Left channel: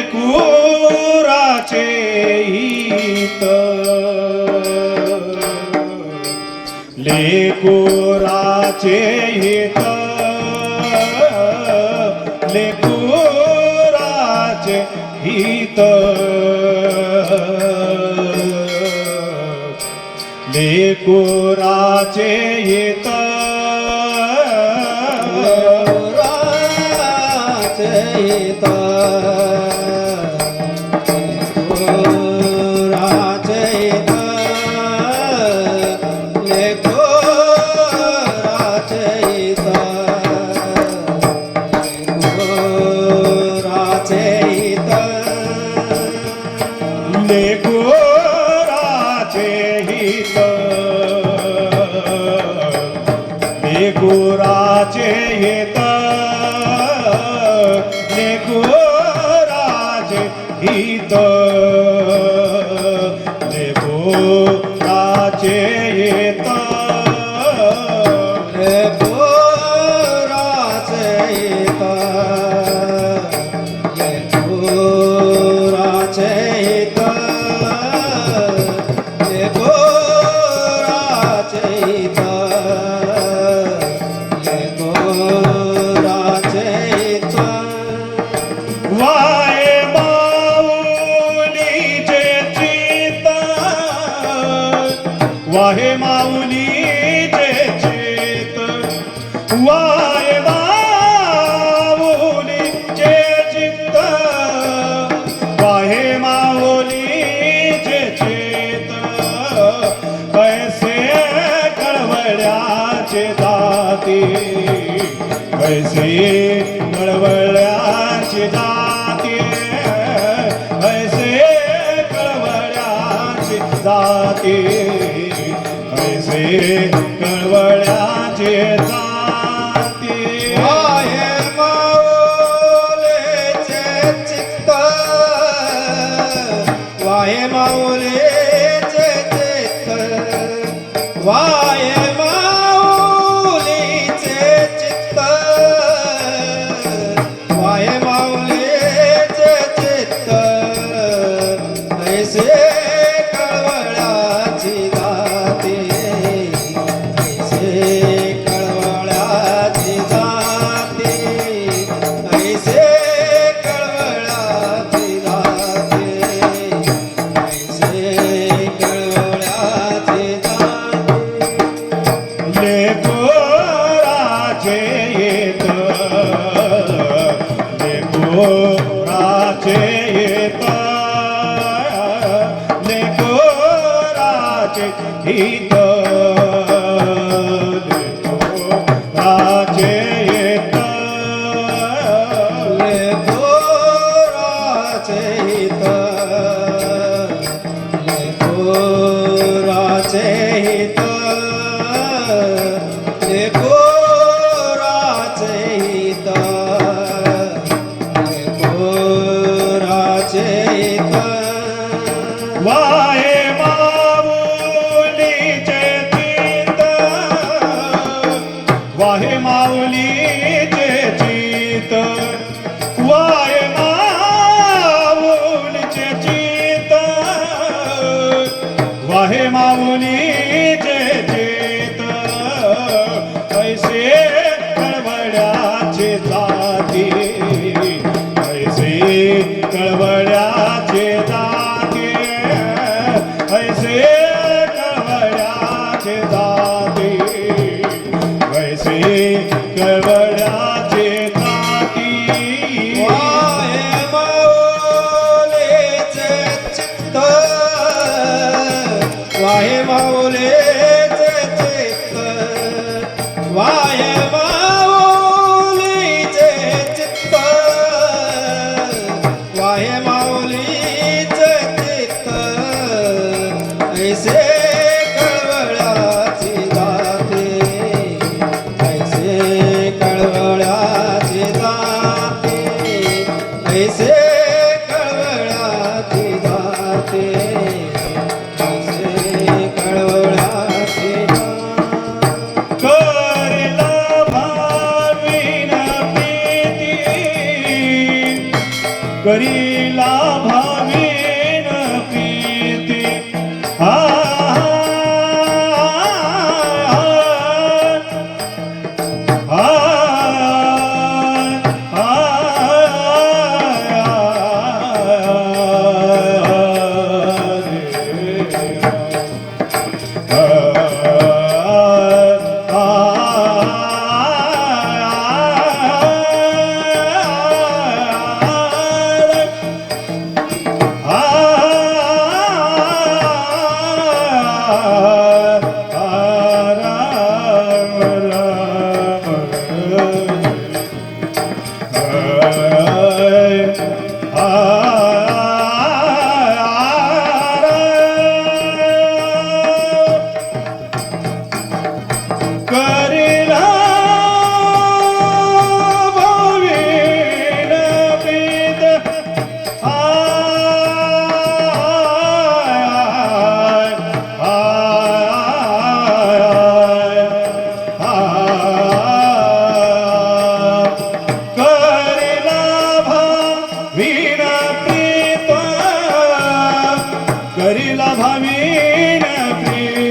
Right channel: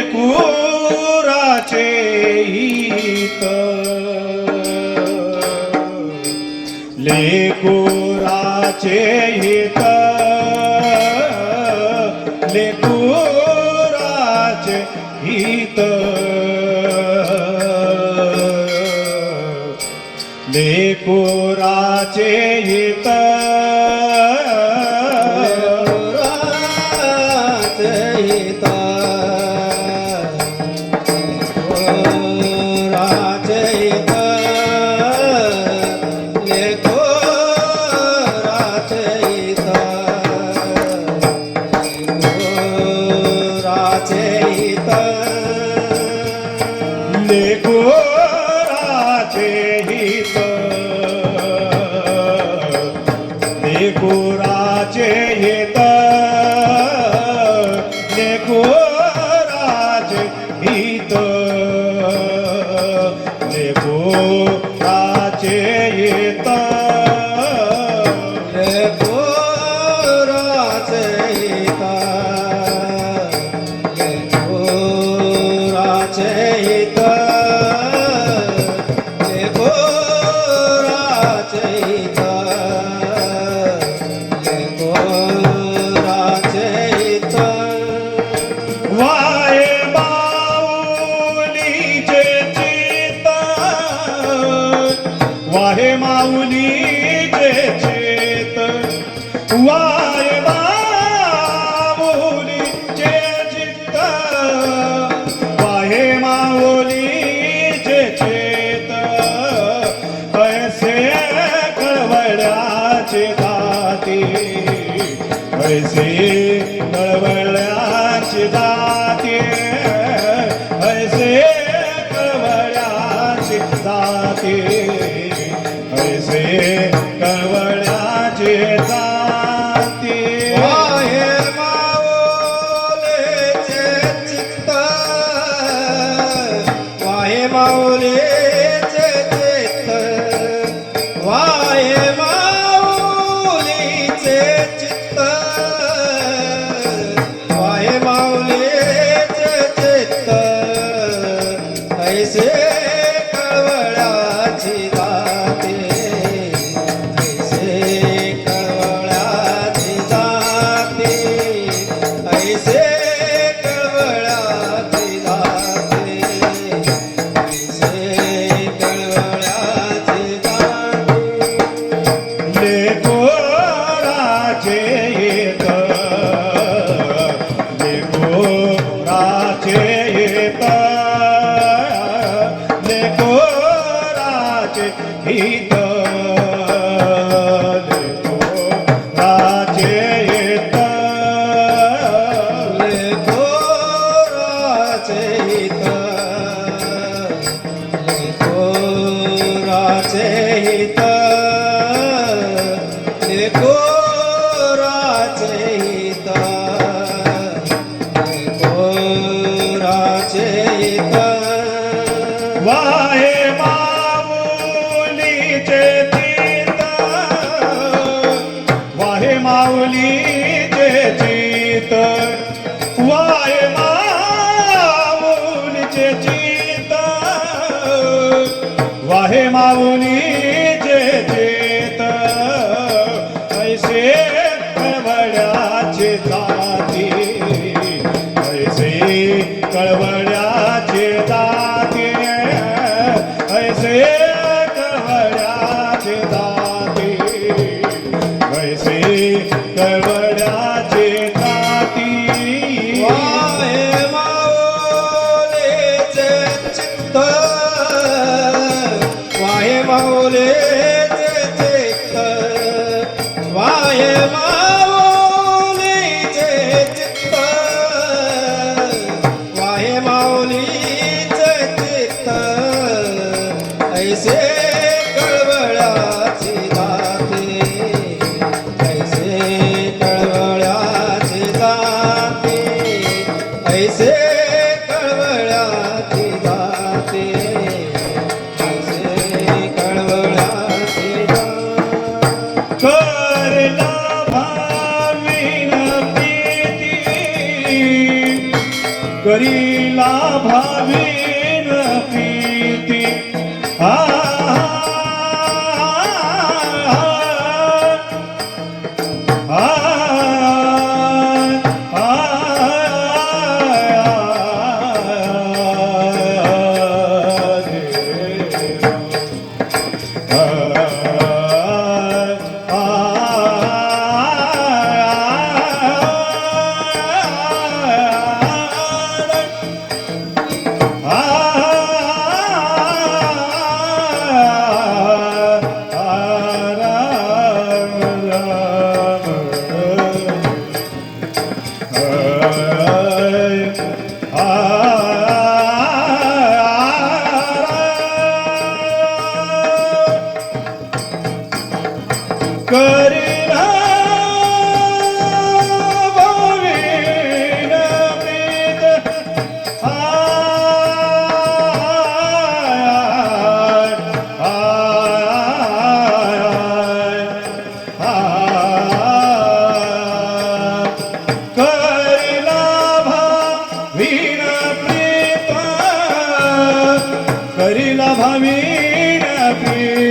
कोराचे हित. ले कोराचे हित. ले कोराचे हित. ले कोरा त्रिपुराचे येता ਕੀਤਾ Yeah. करी Ah. প্রেম প্রেম